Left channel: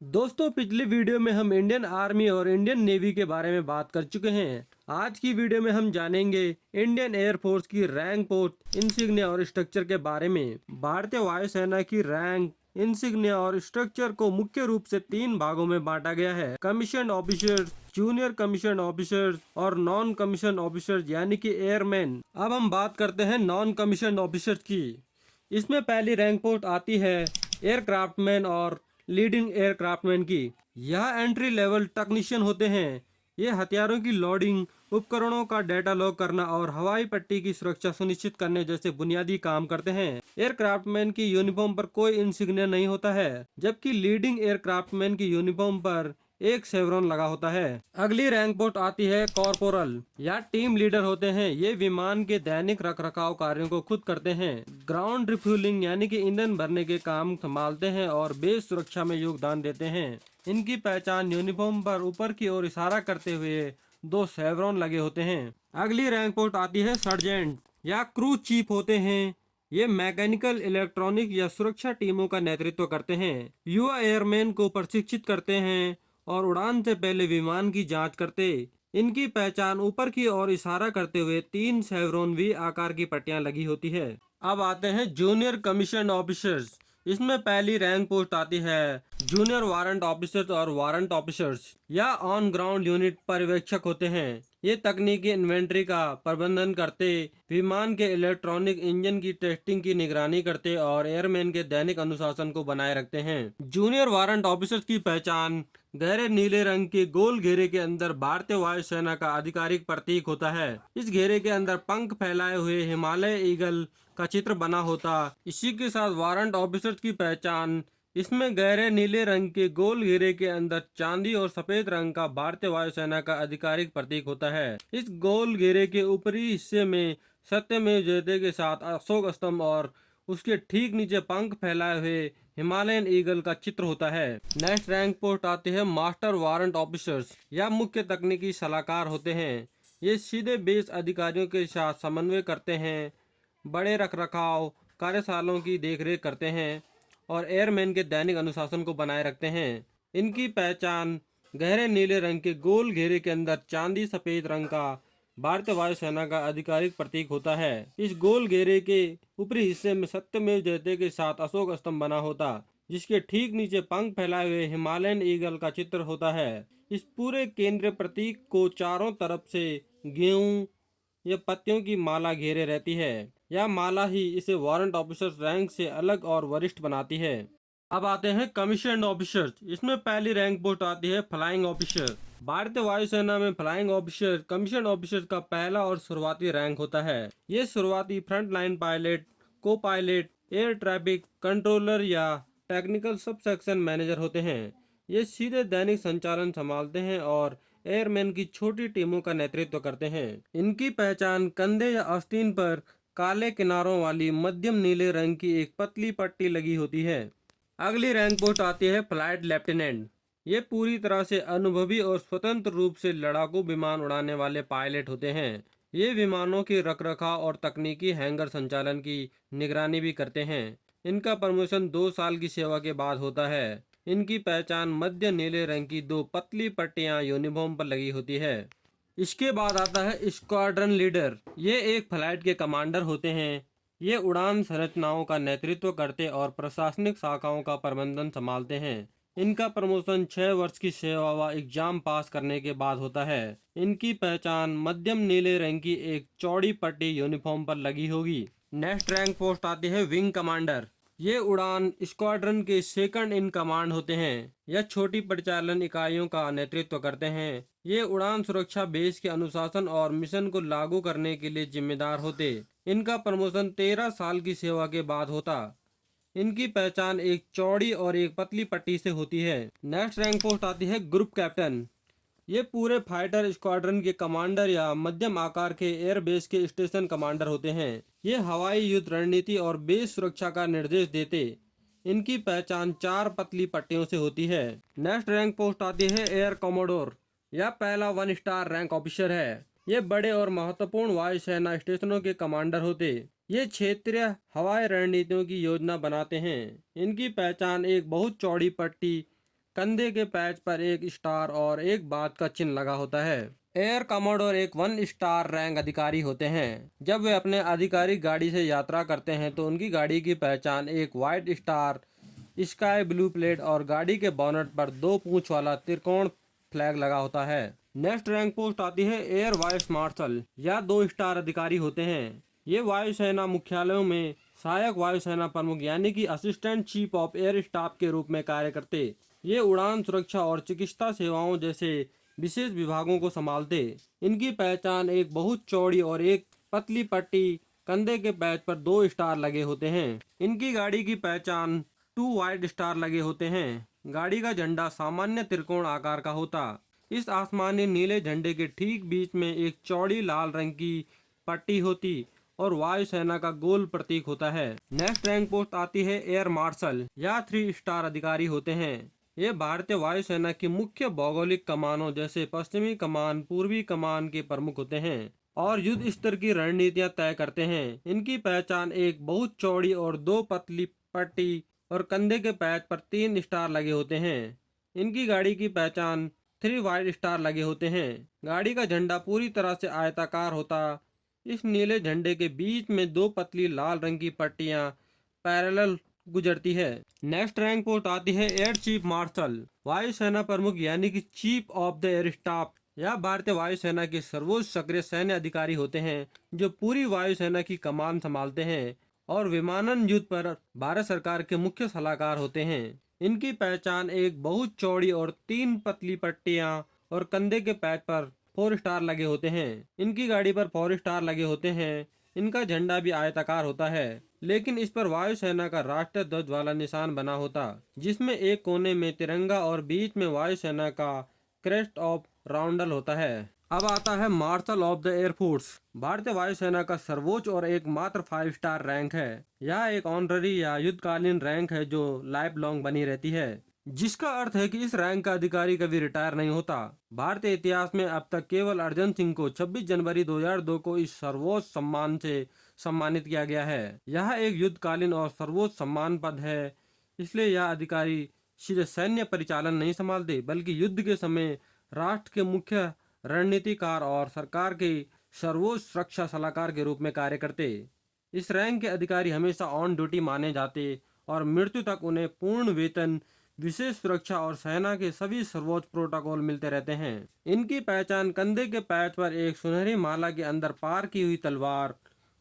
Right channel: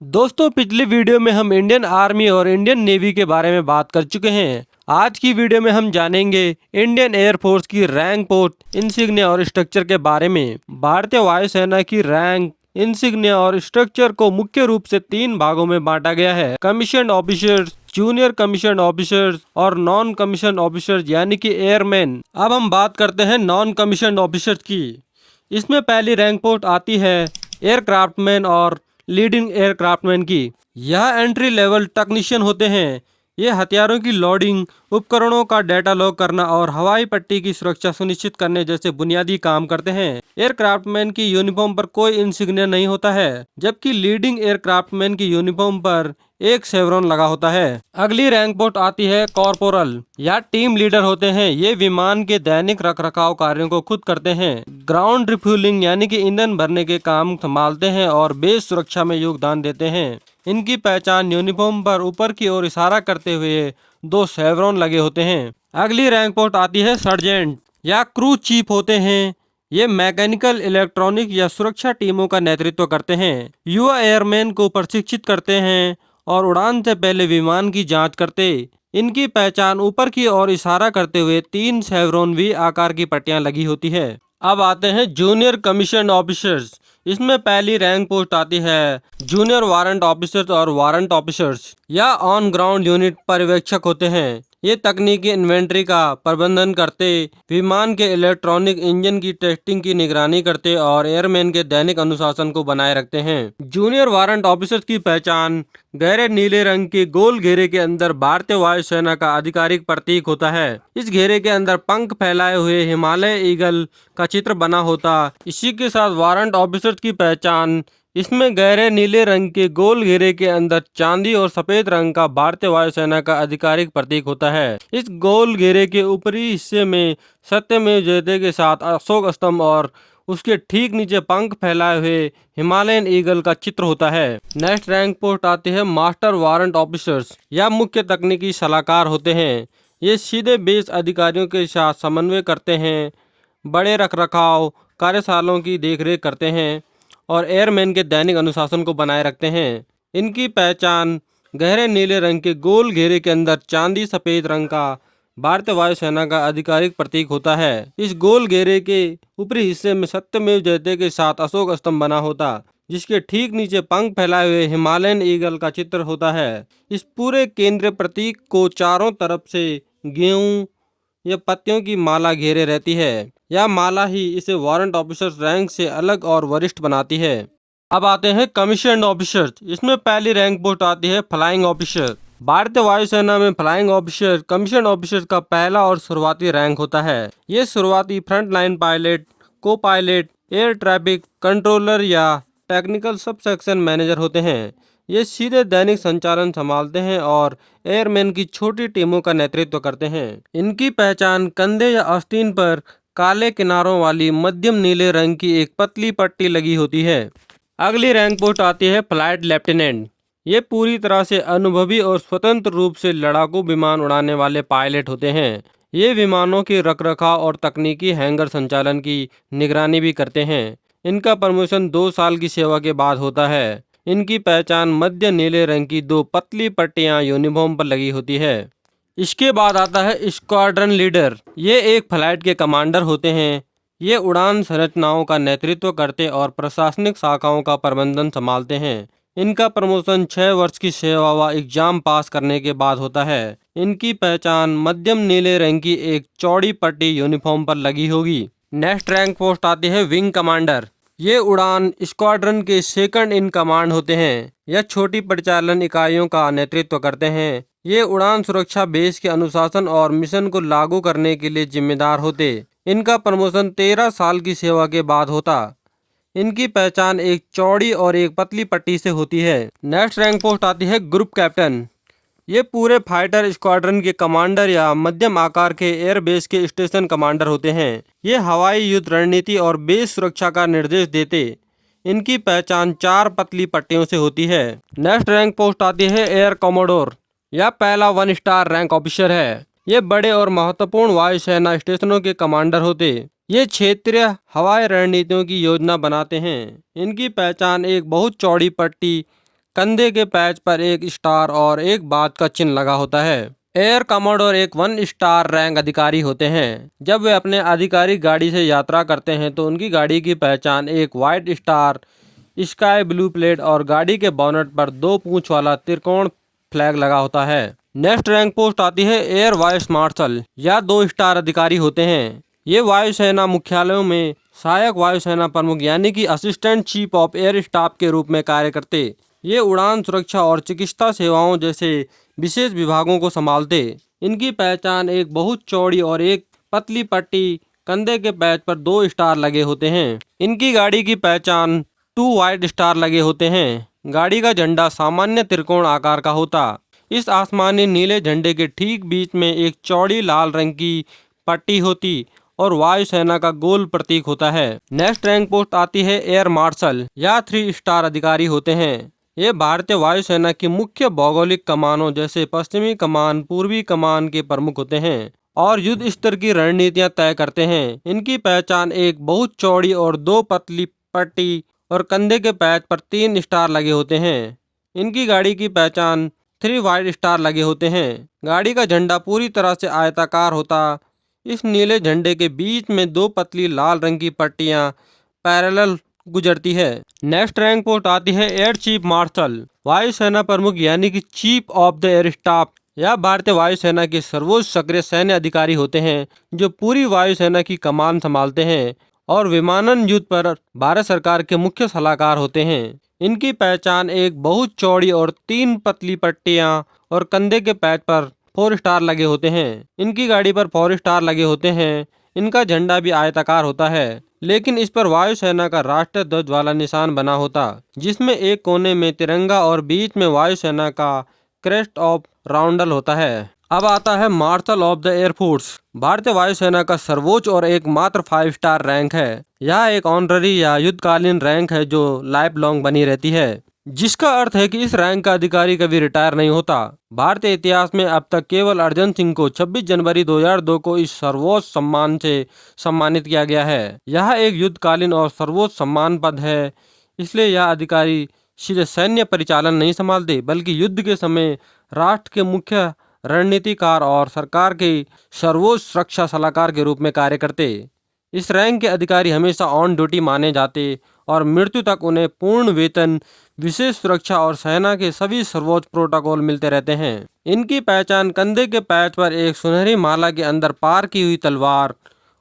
दोस्तों, पिछली वीडियो में हम इंडियन आर्मी और इंडियन नेवी के बारे में बात कर चुके हैं। आज की वीडियो में हम जानेंगे इंडियन एयरफोर्स की रैंक, पोस्ट, इंसिग्निया और स्ट्रक्चर के बारे में। भारतीय वायुसेना की रैंक, इंसिग्निया और स्ट्रक्चर को मुख्य रूप से 3 भागों में बांटा गया है: commission officers, junior commission officers और नॉन कमीशन ऑफिसर्स यानी कि एयरमैन। अब हम बात करते हैं नॉन कमीशन ऑफिसर्स की। इसमें पहली रैंक पोस्ट आती है एयरक्राफ्टमैन और लीडिंग एयरक्राफ्टमैन की। यह एंट्री लेवल टेक्नीशियन होते हैं। ये हथियारों की लोडिंग, उपकरणों का डेटा लॉग करना और हवाई पट्टी की सुरक्षा सुनिश्चित करने जैसे बुनियादी काम करते हैं। एयरक्राफ्टमैन की यूनिफॉर्म पर कोई इंसिग्निया नहीं होता है, जबकि लीडिंग एयरक्राफ्टमैन की यूनिफॉर्म पर एक शेवरॉन लगा होता है। अगली रैंक पोस्ट आती है कॉर्पोरल या टीम लीडर होते हैं। ये विमान के दैनिक रखरखाव कार्यों को खुद करते हैं। ग्राउंड रिफ्यूलिंग यानी कि ईंधन भरने के काम संभालते हैं और बेस सुरक्षा में योगदान देते हैं। इनकी पहचान यूनिफॉर्म पर ऊपर की ओर इशारा करते हुए 2 शेवरॉन लगे होते हैं। अगली रैंक पोस्ट आती है सर्जेंट या क्रू चीफ होते हैं। ये मैकेनिकल, इलेक्ट्रॉनिक या सुरक्षा टीमों का नेतृत्व करते हैं। युवा एयरमैन को प्रशिक्षित करते हैं और उड़ान से पहले विमान की जांच करते। इनकी पहचान ऊपर की ओर इशारा करते हुए 3 शेवरॉन वी आकार की पट्टियां लगी होती है। अब आते हैं जूनियर कमीशन ऑफिसर्स। इसमें पहली रैंक पोस्ट आती है जूनियर वारंट ऑफिसर्स और वारंट ऑफिसर्स या ऑन ग्राउंड यूनिट पर्यवेक्षक होते हैं। ये तकनीकी इन्वेंट्री का प्रबंधन करते, विमान के इलेक्ट्रॉनिक इंजन की टेस्टिंग की निगरानी करते और एयरमैन के दैनिक अनुशासन को बनाए रखते हैं। जूनियर वारंट ऑफिसर्स की पहचान गहरे नीले रंग के गोल घेरे के अंदर भारतीय वायुसेना का आधिकारिक प्रतीक होता है। इस घेरे के अंदर पंख फैलाए हुए हिमालय ईगल का चित्र बना होता। इसी के साथ वारंट ऑफिसर्स की पहचान इसमें गहरे नीले रंग के गोल घेरे के अंदर चांदी और सफेद रंग का भारतीय वायुसेना का आधिकारिक प्रतीक होता है। इस गोल घेरे के ऊपरी हिस्से में सत्यमेव जयते के साथ अशोक स्तंभ और उसके ठीक नीचे पंख फैलाए हुए हिमालयन ईगल का चित्र होता है। नेक्स्ट रैंक पोस्ट आती है मास्टर वारंट ऑफिसर्स या मुख्य तकनीकी सलाहकार होते हैं। ये सीधे बेस अधिकारियों के साथ समन्वय करते हैं, बड़े रखरखाव कार्यशालाओं की देखरेख करते हैं और एयरमैन के दैनिक अनुशासन को बनाए रखते हैं। इनकी पहचान गहरे नीले रंग के गोल घेरे के अंदर चांदी सफेद रंग का भारतीय वायुसेना का आधिकारिक प्रतीक होता है। इस गोल घेरे के ऊपरी हिस्से में सत्यमेव जयते के साथ अशोक स्तंभ बना होता, जिसके ठीक नीचे पंख फैलाए हुए हिमालयन ईगल का चित्र होता है। इस पूरे केंद्रीय प्रतीक को चारों तरफ से गेहूं या पत्तियों की माला घेरे रहती है। यह माला ही इसे वारंट ऑफिसर्स रैंक से अलग और वरिष्ठ बनाती है। अब आते हैं कमीशन ऑफिसर्स। इसमें पहली रैंक पोस्ट आती है फ्लाइंग ऑफिसर। भारतीय वायुसेना में फ्लाइंग ऑफिसर कमीशन ऑफिसर का पहला और शुरुआती रैंक होता है। ये शुरुआती फ्रंट लाइन पायलट, को पायलट, एयर ट्रैफिक कंट्रोलर या टेक्निकल सब सेक्शन मैनेजर होते हैं। ये सीधे दैनिक संचालन संभालते हैं और एयरमैन की छोटी टीमों का नेतृत्व करते हैं। इनकी पहचान कंधे या आस्तीन पर काले किनारों वाली मध्यम नीले रंग की एक पतली पट्टी लगी होती है। अगली रैंक पोस्ट आती है फ्लाइट लेफ्टिनेंट। ये पूरी तरह से अनुभवी और स्वतंत्र रूप से लड़ाकू विमान उड़ाने वाले पायलट होते हैं। ये विमानों के रखरखाव और तकनीकी हैंगर संचालन की निगरानी भी करते हैं। इनका प्रमोशन 2 साल की सेवा के बाद होता है। इनकी पहचान मध्य नीले रंग की 2 पतली पट्टियां यूनिफॉर्म पर लगी होती है। इसके बाद आता है स्क्वाड्रन लीडर। ये एक फ्लाइट के कमांडर होते हैं। ये उड़ान संरचनाओं का नेतृत्व करते और प्रशासनिक शाखाओं का प्रबंधन संभालते हैं। इनका प्रमोशन 6 वर्ष की सेवा व एग्जाम पास करने के बाद होता है। इनकी पहचान मध्यम नीले रंग की एक चौड़ी पट्टी यूनिफॉर्म पर लगी होगी। नेक्स्ट रैंक पोस्ट आती है विंग कमांडर। ये उड़ान स्क्वाड्रन के सेकंड इन कमांड होते हैं। यह छोटी परिचालन इकाइयों का नेतृत्व करते हैं। ये उड़ान सुरक्षा, बेस के अनुशासन और मिशन को लागू करने के लिए जिम्मेदार होते। इनका प्रमोशन 13 साल की सेवा के बाद होता। इनकी पहचान एक चौड़ी और एक पतली पट्टी से होती है। नेक्स्ट रैंक पोस्ट आती है ग्रुप कैप्टन। ये पूरे फाइटर स्क्वाड्रन के कमांडर या मध्यम आकार के एयरबेस के स्टेशन कमांडर होते हैं। ये हवाई युद्ध रणनीति और बेस सुरक्षा का निर्देश देते। इनकी पहचान 4 पतली पट्टियों से होती है। नेक्स्ट रैंक पोस्ट आती है एयर कमोडोर। यह पहला 1 स्टार रैंक ऑफिसर है। ये बड़े और महत्वपूर्ण वायुसेना स्टेशनों के कमांडर होते। ये क्षेत्रीय हवाई रणनीतियों की योजना बनाते हैं। इनकी पहचान एक बहुत चौड़ी पट्टी कंधे के पैच पर एक स्टार और एक बात का चिन्ह लगा होता है। एयर कमांडोर एक 1 स्टार रैंक अधिकारी होते हैं। जब वे अपने आधिकारिक गाड़ी से यात्रा करते हैं तो उनकी गाड़ी की पहचान एक white star, sky blue plate और गाड़ी के बोनट पर 2 पूंछ वाला त्रिकोण फ्लैग लगा होता है। नेक्स्ट रैंक पोस्ट आती है एयर वाइस मार्शल या 2 स्टार अधिकारी होते हैं। ये वायुसेना मुख्यालयों में सहायक वायुसेना प्रमुख यानी कि assistant chief of air staff के रूप में कार्य करते। ये उड़ान सुरक्षा और चिकित्सा सेवाओं जैसे विशेष विभागों को संभालते। इनकी पहचान एक बहुत चौड़ी और एक पतली पट्टी, कंधे के पैच पर 2 स्टार लगे होते हैं। इनकी गाड़ी की पहचान 2 व्हाइट स्टार लगे होते हैं। गाड़ी का झंडा सामान्य त्रिकोण आकार का होता। इस आसमानी नीले झंडे के ठीक बीच में एक चौड़ी लाल रंग की पट्टी होती और वायुसेना का गोल प्रतीक होता है। नेक्स्ट रैंक पोस्ट आती है एयर मार्शल या 3 स्टार अधिकारी होते हैं। ये भारतीय वायुसेना की मुख्य भौगोलिक कमानों जैसे पश्चिमी कमान, पूर्वी कमान के प्रमुख होते हैं और युद्ध स्तर की रणनीतियां तय करते हैं। इनकी पहचान एक बहुत चौड़ी और 2 पतली पट्टी और कंधे के पैच पर 3 स्टार लगे होते हैं। इनकी गाड़ी की पहचान 3 व्हाइट स्टार लगे होते हैं। गाड़ी का झंडा पूरी तरह से आयताकार होता। इस नीले झंडे के बीच में 2 पतली लाल रंग की पट्टियां पैरेलल गुजरती है। नेक्स्ट रैंक पोस्ट आती है एयर चीफ मार्शल, वायुसेना प्रमुख यानी कि chief of the air staff या भारतीय वायुसेना के सर्वोच्च सक्रिय सैन्य अधिकारी होते हैं जो पूरी वायुसेना की कमान संभालते हैं और विमानन युद्ध पर भारत सरकार के मुख्य सलाहकार होते हैं। इनकी पहचान एक बहुत चौड़ी और 3 पतली पट्टियां और कंधे के पैच पर 4 स्टार लगे होते हैं। इनकी गाड़ी पर 4 स्टार लगे होते हैं। इनका झंडा भी आयताकार होता है लेकिन इस पर वायुसेना का राष्ट्रीय ध्वज वाला निशान बना होता, जिसमें एक कोने में तिरंगा और बीच में वायुसेना का क्रेस्ट ऑफ राउंडल होता है। अब आता है मार्शल ऑफ द एयरफोर्स। भारतीय वायुसेना का सर्वोच्च और एकमात्र 5 स्टार रैंक है। यह एक ऑनररी या युद्धकालीन रैंक है जो लाइफ लॉन्ग बनी रहती है, जिसका अर्थ है कि इस रैंक का अधिकारी कभी रिटायर नहीं होता। भारतीय इतिहास में अब तक केवल अर्जन सिंह को 26 जनवरी 2002 को इस सर्वोच्च सम्मान से सम्मानित किया गया है। यह एक युद्धकालीन और सर्वोच्च सम्मान पद है, इसलिए यह अधिकारी सीधे सैन्य परिचालन नहीं संभालते बल्कि युद्ध के समय राष्ट्र के मुख्य रणनीतिकार और सरकार के सर्वोच्च सुरक्षा सलाहकार के रूप में कार्य करते। इस रैंक के अधिकारी हमेशा ऑन ड्यूटी माने जाते और मृत्यु तक उन्हें पूर्ण वेतन, विशेष सुरक्षा और सेना के सभी सर्वोच्च प्रोटोकॉल मिलते रहते हैं। इनकी पहचान कंधे के पैच पर एक सुनहरी माला के अंदर पार की हुई तलवार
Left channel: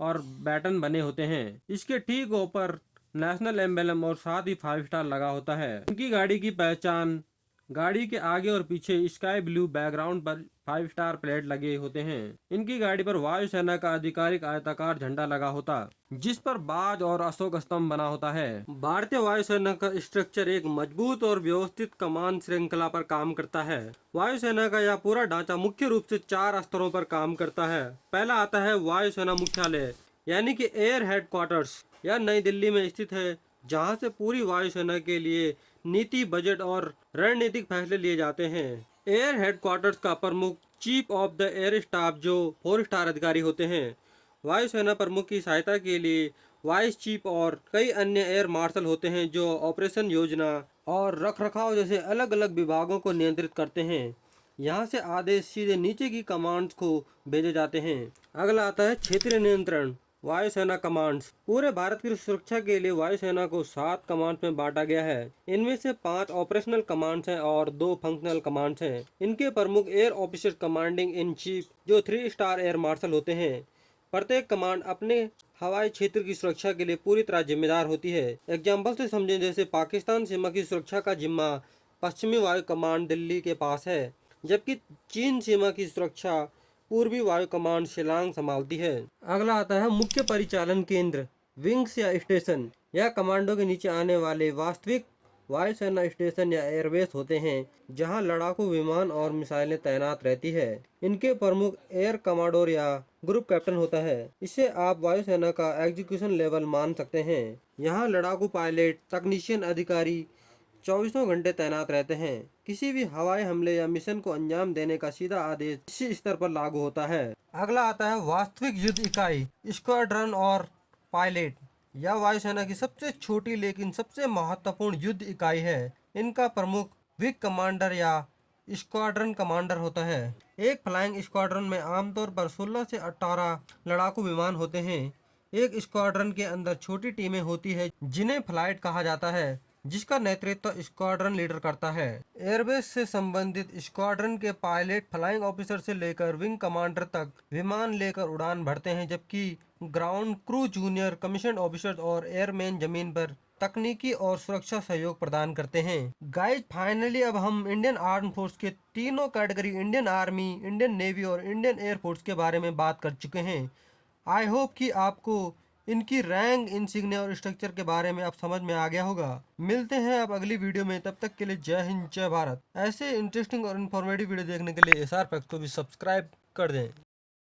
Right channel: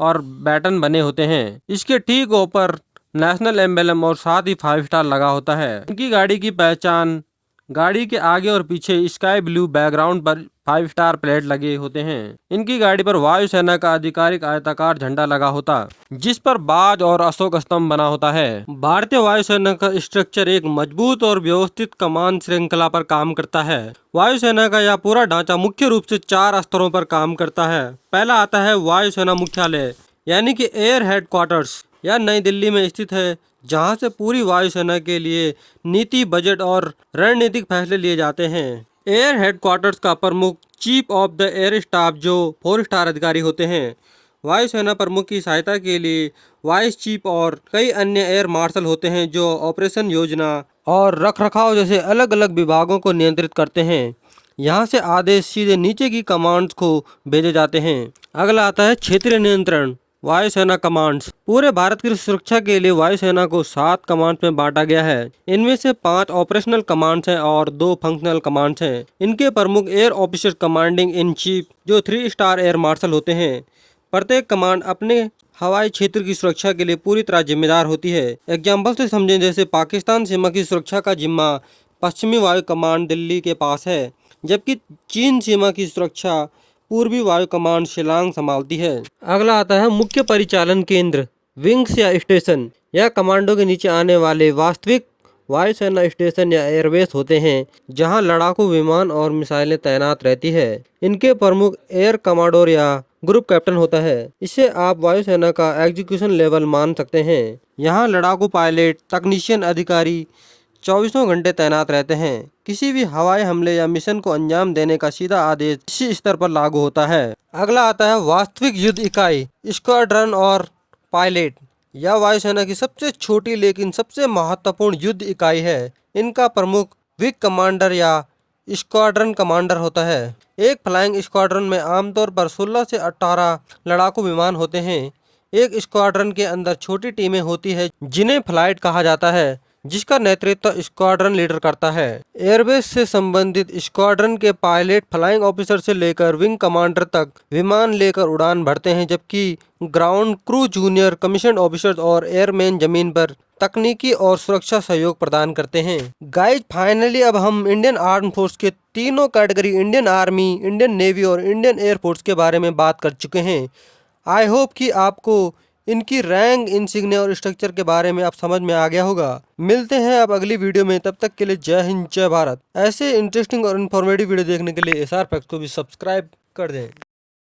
और बैटन बने होते हैं। इसके ठीक ऊपर नेशनल एम्बलम और साथ ही 5 स्टार लगा होता है। इनकी गाड़ी की पहचान गाड़ी के आगे और पीछे स्काई ब्लू बैकग्राउंड पर 5 स्टार प्लेट लगे होते हैं। इनकी गाड़ी पर वायुसेना का आधिकारिक आयताकार झंडा लगा होता, जिस पर बाज और अशोक स्तंभ बना होता है। भारतीय वायुसेना का स्ट्रक्चर एक मजबूत और व्यवस्थित कमान श्रृंखला पर काम करता है। वायुसेना का यह पूरा ढांचा मुख्य रूप से 4 स्तरों पर काम करता है। पहला आता है वायुसेना मुख्यालय यानी कि एयर हेडक्वार्टर्स। यह नई दिल्ली में स्थित है, जहां से पूरी वायुसेना के लिए नीति, बजट और रणनीतिक फैसले लिए जाते हैं। एयर हेडक्वार्टर्स का प्रमुख chief of the air staff जो 4 स्टार अधिकारी होते हैं। वायुसेना प्रमुख की सहायता के लिए वाइस चीफ और कई अन्य एयर मार्शल होते हैं जो ऑपरेशन, योजना और रखरखाव जैसे अलग अलग विभागों को नियंत्रित करते हैं। यहाँ से आदेश सीधे नीचे की कमांड्स को भेजे जाते हैं। अगला आता है क्षेत्रीय नियंत्रण, वायुसेना कमांड्स। पूरे भारत की सुरक्षा के लिए वायुसेना को 7 कमांड्स में बांटा गया है। इनमें से 5 ऑपरेशनल कमांड्स हैं और 2 फंक्शनल कमांड्स हैं। इनके प्रमुख air officer commanding in chief जो 3 स्टार एयर मार्शल होते हैं। प्रत्येक कमांड अपने हवाई क्षेत्र की सुरक्षा के लिए पूरी तरह जिम्मेदार होती है। एग्जाम्पल से समझें, जैसे पाकिस्तान सीमा की सुरक्षा का जिम्मा पश्चिमी वायु कमांड दिल्ली के पास है, जबकि चीन सीमा की सुरक्षा पूर्वी वायु कमांड शिलांग संभालती है। अगला आता है मुख्य परिचालन केंद्र, विंग्स या स्टेशन। यह कमांडो के नीचे आने वाले वास्तविक वायुसेना स्टेशन या एयरबेस होते हैं, जहां लड़ाकू विमान और मिसाइलें तैनात रहती है। इनके प्रमुख एयर कमांडोर या ग्रुप कैप्टन होता है। इसे आप वायुसेना का एग्जीक्यूशन लेवल मान सकते हैं। यहाँ लड़ाकू पायलट, तकनीशियन अधिकारी 24 घंटे तैनात रहते हैं। किसी भी हवाई हमले या मिशन को अंजाम देने का सीधा आदेश इसी स्तर पर लागू होता है। अगला आता है वास्तविक युद्ध इकाई, स्क्वाड्रन और पायलट। यह वायुसेना की सबसे छोटी लेकिन सबसे महत्वपूर्ण युद्ध इकाई है। इनका प्रमुख विंग कमांडर या स्क्वाड्रन कमांडर होता है। एक फ्लाइंग स्क्वाड्रन में आमतौर पर 16 से 18 लड़ाकू विमान होते हैं। एक स्क्वाड्रन के अंदर छोटी टीमें होती है जिन्हें फ्लाइट कहा जाता है, जिसका नेतृत्व स्क्वाड्रन लीडर करता है। एयरबेस से संबंधित स्क्वाड्रन के पायलट फ्लाइंग ऑफिसर से लेकर विंग कमांडर तक विमान लेकर उड़ान भरते हैं, जबकि ground crew junior commission officers और एयरमैन जमीन पर तकनीकी और सुरक्षा सहयोग प्रदान करते हैं। गाइज फाइनली अब हम इंडियन आर्म फोर्स के तीनों category Indian army, Indian navy और इंडियन एयरफोर्स के बारे में बात कर चुके हैं। आई होप कि आपको इनकी रैंक, इंसिग्निया और स्ट्रक्चर के बारे में अब समझ में आ गया होगा। मिलते हैं अब अगली वीडियो में, तब तक के लिए जय हिंद जय भारत। ऐसे इंटरेस्टिंग और इन्फॉर्मेटिव वीडियो देखने के लिए SR फैक्ट्स को भी सब्सक्राइब कर दें।